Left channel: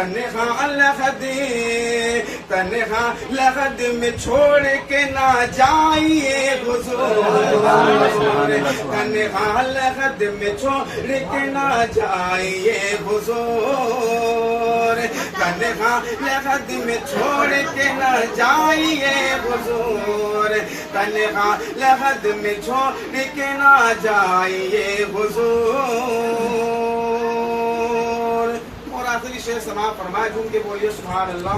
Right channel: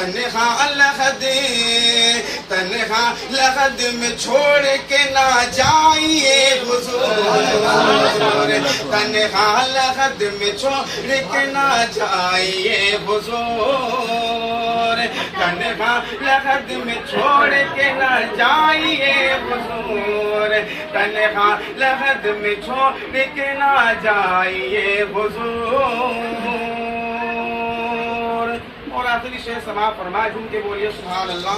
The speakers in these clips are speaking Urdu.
تنہا لحد تنہا لحد میں چھوڑ کے نہ جائیے حضور تنہا لحد میں چھوڑ کے نہ جائیے حضور تنہا لحد میں چھوڑ کے نہ جائیے حضور تنہا لحد میں چھوڑ کے نہ جائیے حضور اور آخری شعر سماعت فرمائے جھوم کے بولیے سبحان اللہ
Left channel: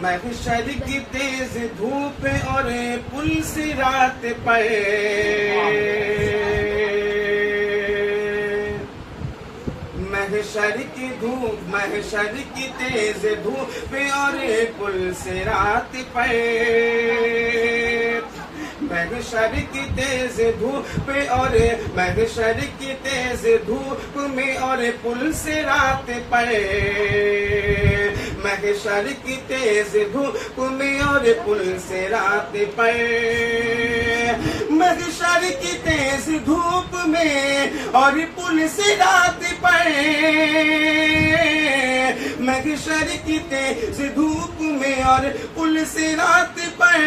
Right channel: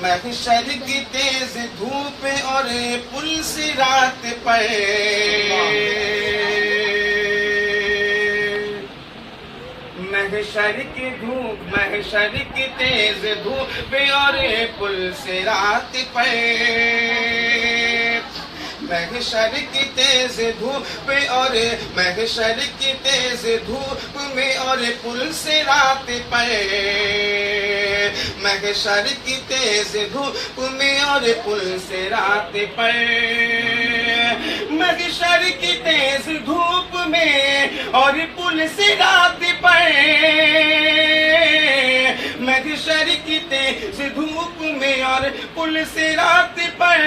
محشر کی تیز دھوپ اور پل صراط پر محشر کی تیز دھوپ اور پل صراط پر محشر کی تیز دھوپ اور محشر کی تیز دھوپ میں اور پل صراط پر محشر کی تیز دھوپ میں اور پل صراط پر محشر کی تیز دھوپ میں اور پل صراط پر محشر کی تیز دھوپ میں اور پل صراط پر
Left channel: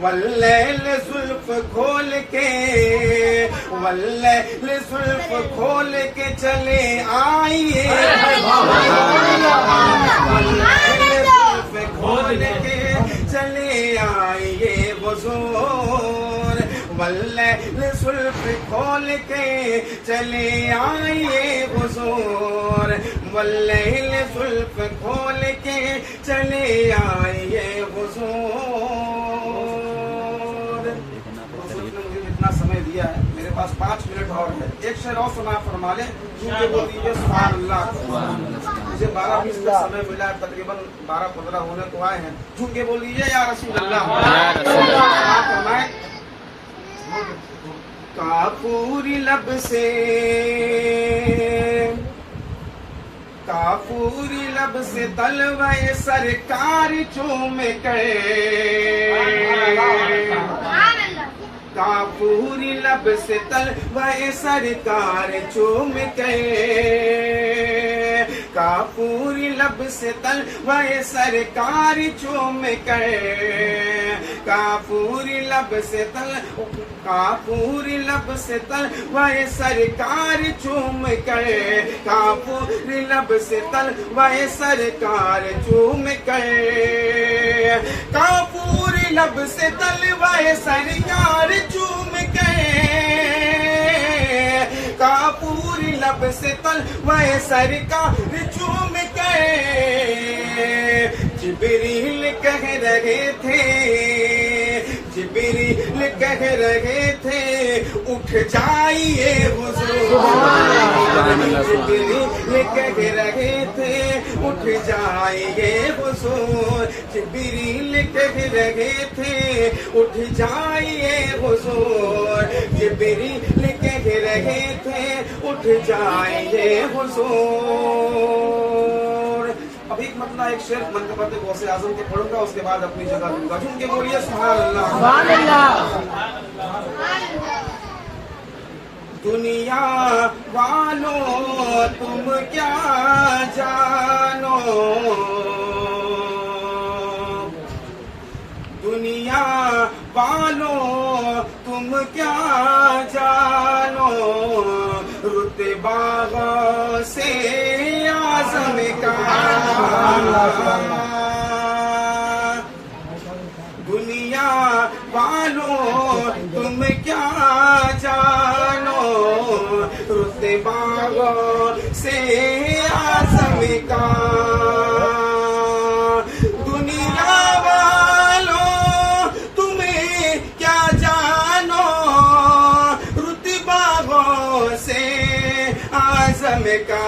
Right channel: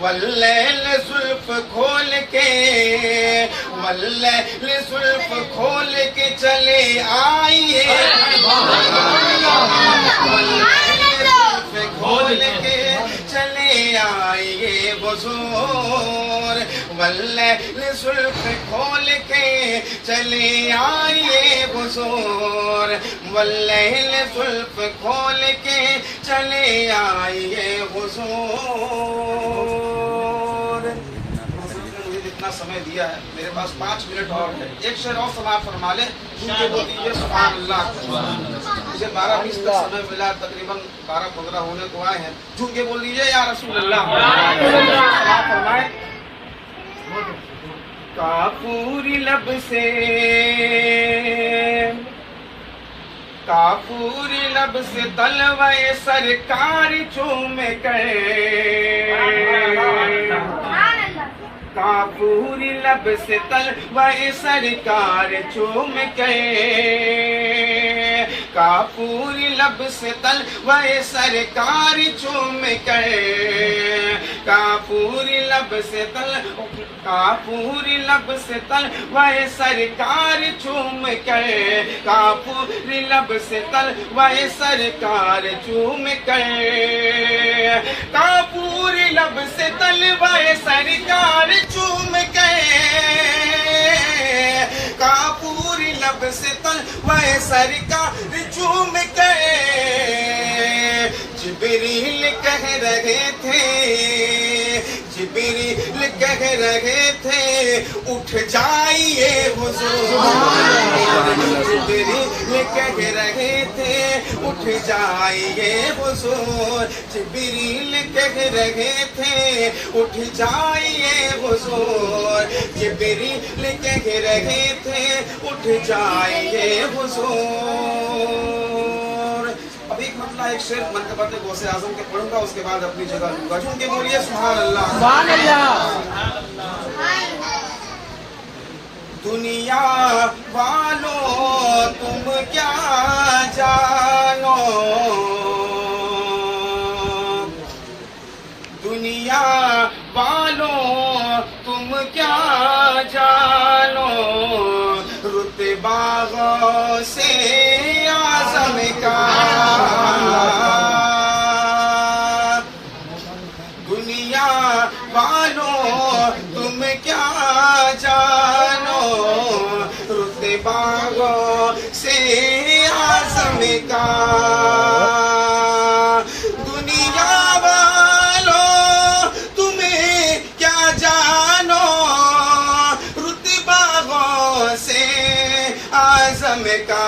واللیل زلف کھول کے واللیل زلف کھول کے چلے آئیے واللیل زلف کھول کے چلے آئیے حضور واللیل زلف کھول کے چلے آئیے حضور واللیل زلف کھول کے چلے آئیے حضور اتنا سمے دیا ہے میرے پاس 5 منٹ اور ہے ایک شعر اور سماعت فرما لیں کیونکہ وہ دیجیے سبحان اللہ مجھے 12:20 تک سمے ملا ہے تقریباً 12:15 ہونے کو آئے ہیں جھوم کے بول دیجیے یا رسول اللہ سماعت فرمائے کافوری لب سے کافوری لب سے تلوے سرکار چوم کے کافوری لب سے تلوے سرکار چوم کے کافوری لب سے تلوے سرکار چوم کے کافوری لب سے کافوری لب سے تلوے سرکار چوم کے کافوری لب سے تلوے سرکار چوم کے کافوری لب سے تلوے سرکار چوم کے کافوری لب سے تلوے سرکار چوم کے جبریل کہہ رہے تھے جبریل کہہ رہے تھے اٹھ جائیے حضور جبریل کہہ رہے تھے اٹھ جائیے حضور جبریل کہہ رہے تھے اٹھ جائیے حضور جبریل کہہ رہے تھے اٹھ جائیے حضور اب ایک مطلب ایک شعر منقبت غوث اعظم کے پڑھوں گا اس کے بعد اپنی جگہ لوں گا جھوم کے بولیے سبحان اللہ سبحان اللہ دنیا والوں تم کیا جانو دنیا والوں تم کیا جانو رتبہ غوث اعظم کا دنیا والوں تم کیا جانو رتبہ غوث اعظم کا دنیا والوں تم کیا جانو رتبہ غوث اعظم کا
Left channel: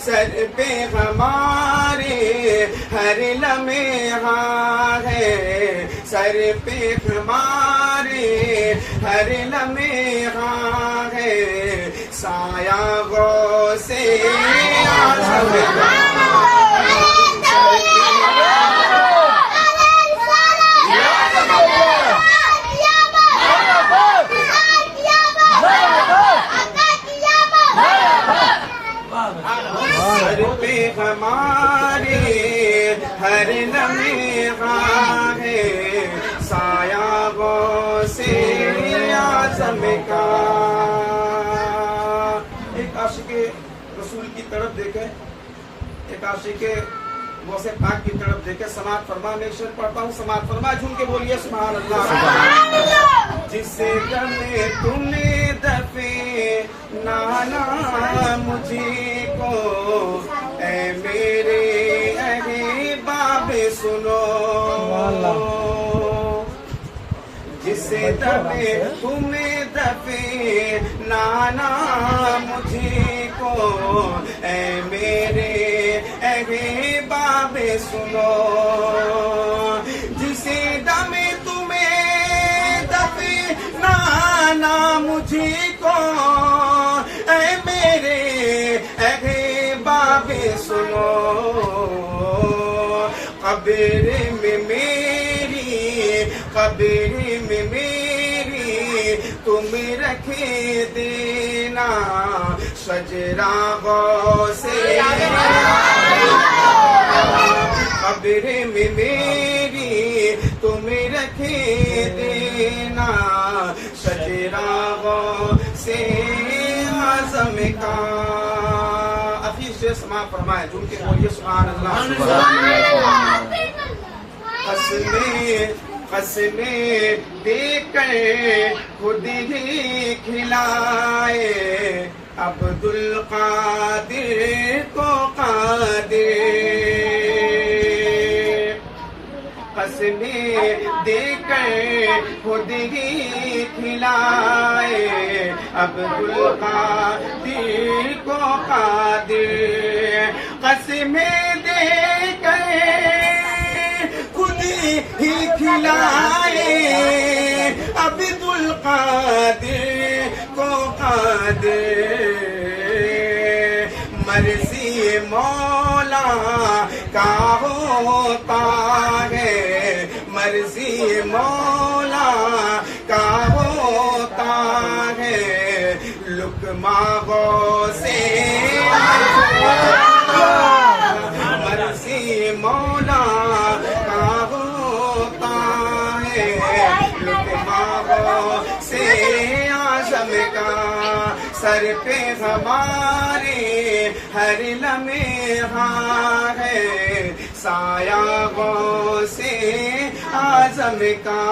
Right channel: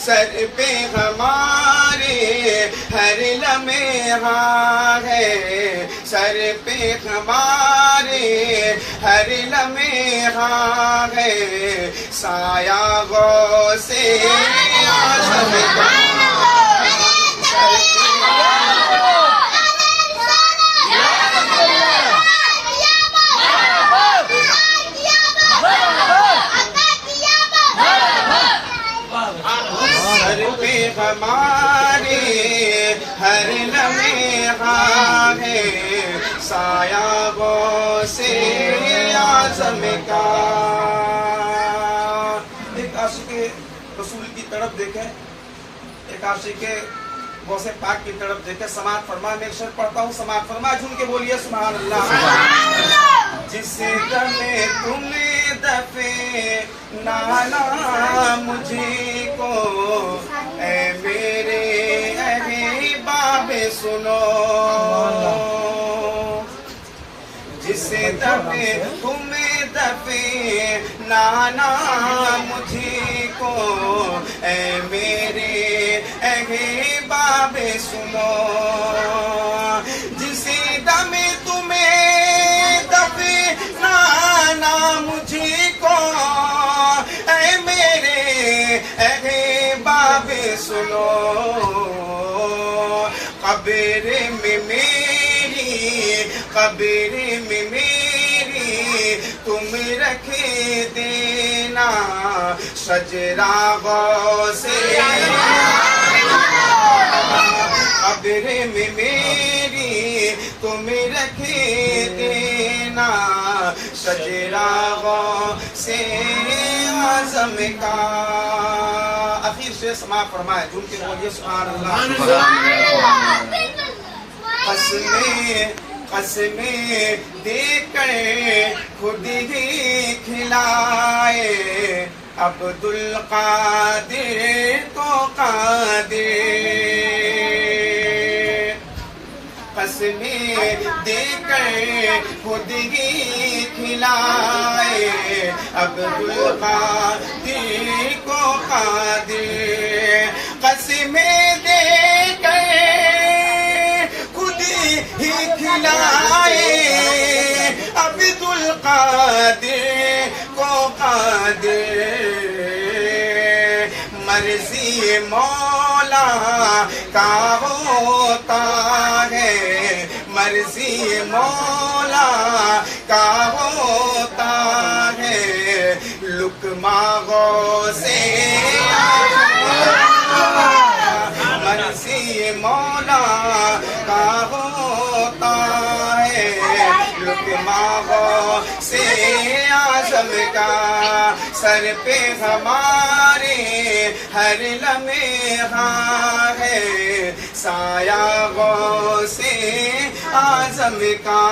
سر پہ ہمارے ہر لمحہ ہے سر پہ ہمارے ہر لمحہ ہے سایہ غوث اعظم کا ہمارے ہر لمحہ ہے سایہ غوث اعظم کا. ایک عاشق رسول کی طرف دیکھیں, ایک عاشق غوث پاک کی طرف دیکھیں. سماعت فرما, میں ایک شعر پڑھتا ہوں, سماعت فرما, جھوم کے بولیے سبحان اللہ. جس دم تم دفے نانا مجھے کو اے میرے احباب سنو. جس دم تم دفے نانا مجھے کو اے میرے احباب سنو. جس دم تمہیں دفے نانا مجھے کو اے میرے احباب سنو. قبر میں میری, قبر میں میری تم رکھے دینا شجرہ غوث. قبر میں میری تم رکھے دینا شجرہ غوث اعظم کا. اخیر سے سماع فرمائے, جھوم کے بولیے سبحان اللہ. قسمیں دے کر خود ہی کھلائے عبد القادر کو قادر. قسمیں دے کر خود ہی کھلائے عبد القادر کو قادر. قسمیں دے کر خود ہی کھلائے عبد القادر کو قادر. مرضی مولا کا ہوتا ہے, مرضی مولا کا ہوتا ہے, لقمہ غوث مرضی مولا کا ہوتا ہے, لقمہ غوث اعظم کا. سر پہ ہمارے ہر لمحہ ہے سایہ غوث اعظم کا.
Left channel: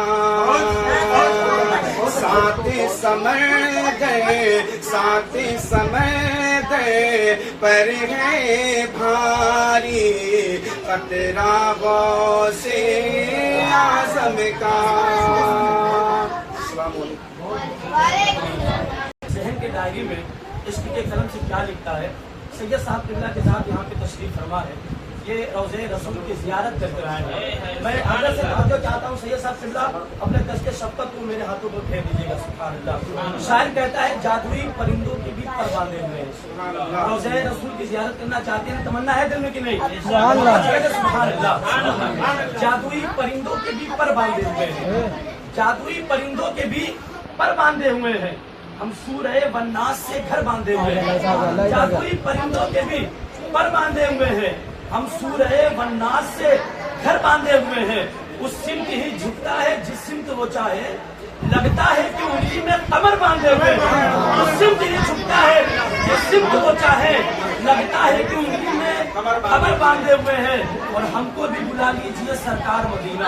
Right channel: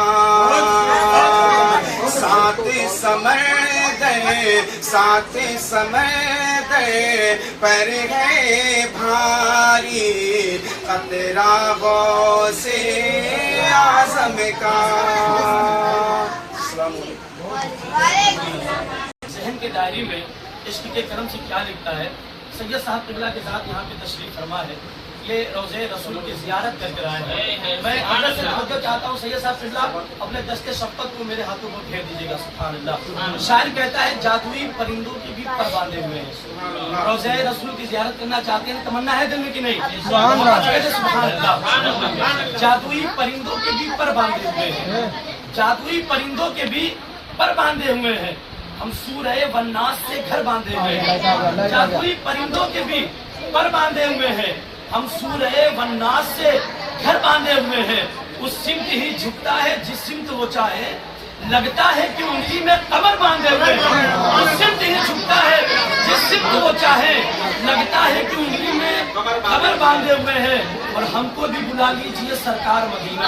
ساتھ سمندر, ساتھ سمندر پر ہے بھاری قطرہ غوث اعظم کا. السلام علیکم. ذہن کے ڈائری میں عشق کے کرم سے کیا لکھتا ہے. سید صاحب قبلہ کے ساتھ یہاں پہ تشریف فرما ہے, یہ روضہ رسول کی زیارت کر کر آئے ہیں. میں حضرت سے توجہ چاہتا ہوں, سید صاحب قبلہ اپنے دست شفقت کو میرے ہاتھوں پر پھیر دیجیے گا. سبحان اللہ. شاعر کہتا ہے جادوئی پرندوں کی بھی پر باندھے ہوئے ہیں. روضہ رسول کی زیارت کرنا چاہتے ہیں, تمنا ہے دل میں کہ نہیں؟ سبحان اللہ. جادوئی پرندوں کے بھی پر باندھے ہوئے ہیں, جادوئی پرندوں کے بھی پر باندھے ہوئے ہیں. ہم سورہ والناس سے گھر باندھے ہوئے ہیں, جادوئی پرندوں کے بھی پر باندھے ہوئے ہیں. ہم سورہ والناس سے گھر باندھے ہوئے ہیں. اس سمت ہی جھکتا ہے جس سمت وہ چاہے, لگتا ہے کہ انگلی میں قمر باندھے ہوئے ہیں. اس سمت ہی جھکتا ہے جس سمت وہ چاہے, لگتا ہے کہ انگلی میں قمر باندھے ہوئے ہیں. اور ہم کو بھی بلا لیجئے سرکار مدینہ,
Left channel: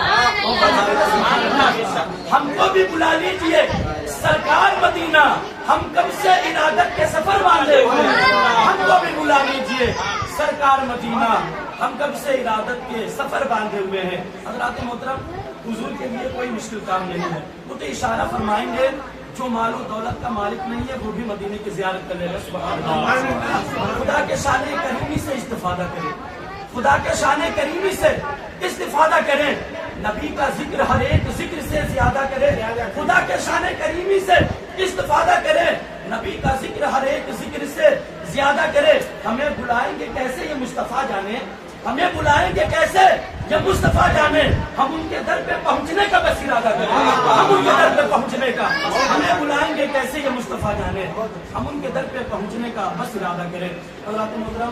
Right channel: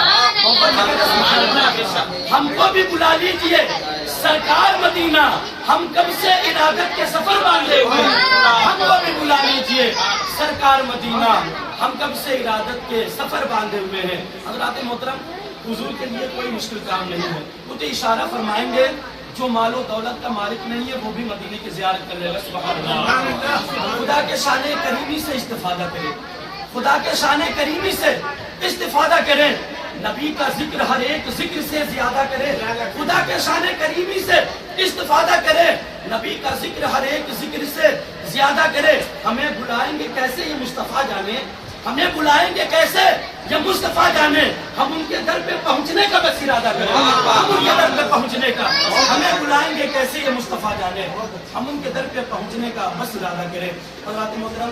ہم کو بھی بلا لیجئے سرکار مدینہ. ہم کب سے ارادت کے سفر باندھے ہوئے ہیں, ہم کو بھی بلا لیجئے سرکار مدینہ. ہم کب سے ارادت کے سفر باندھے ہوئے ہیں. حضرات محترم, حضور کے لیے کوئی مشکل کام نہیں ہے. وہ تو اشارہ فرمائیں گے, جو مال و دولت کا مالک نہیں ہے وہ بھی مدینے کی زیارت کر لے گا. سبحان اللہ. خدا کے شان کریمی سے استفادہ کریں, خدا کے شان کریمی سے استفادہ کریں. نبی کا ذکر ہر ایک ذکر سے زیادہ کرے, خدا کے شان کریمی سے استفادہ کرے. نبی کا ذکر ہر ایک ذکر سے زیادہ کرے. ہمیں بلائیں گے کیسے یہ مصطفیٰ جانے, ہمیں بلائیں گے کیسے یہ مصطفیٰ جانے. ہم ان کے در پہ پہنچنے کا بس ارادہ کریں, ہم ان کے در پہ پہنچنے کا. ہمیں بلائیں گے کیسے یہ مصطفیٰ جانے, ہم ان کے در پہ پہنچنے کا بس ارادہ کریں. حضرات محترم,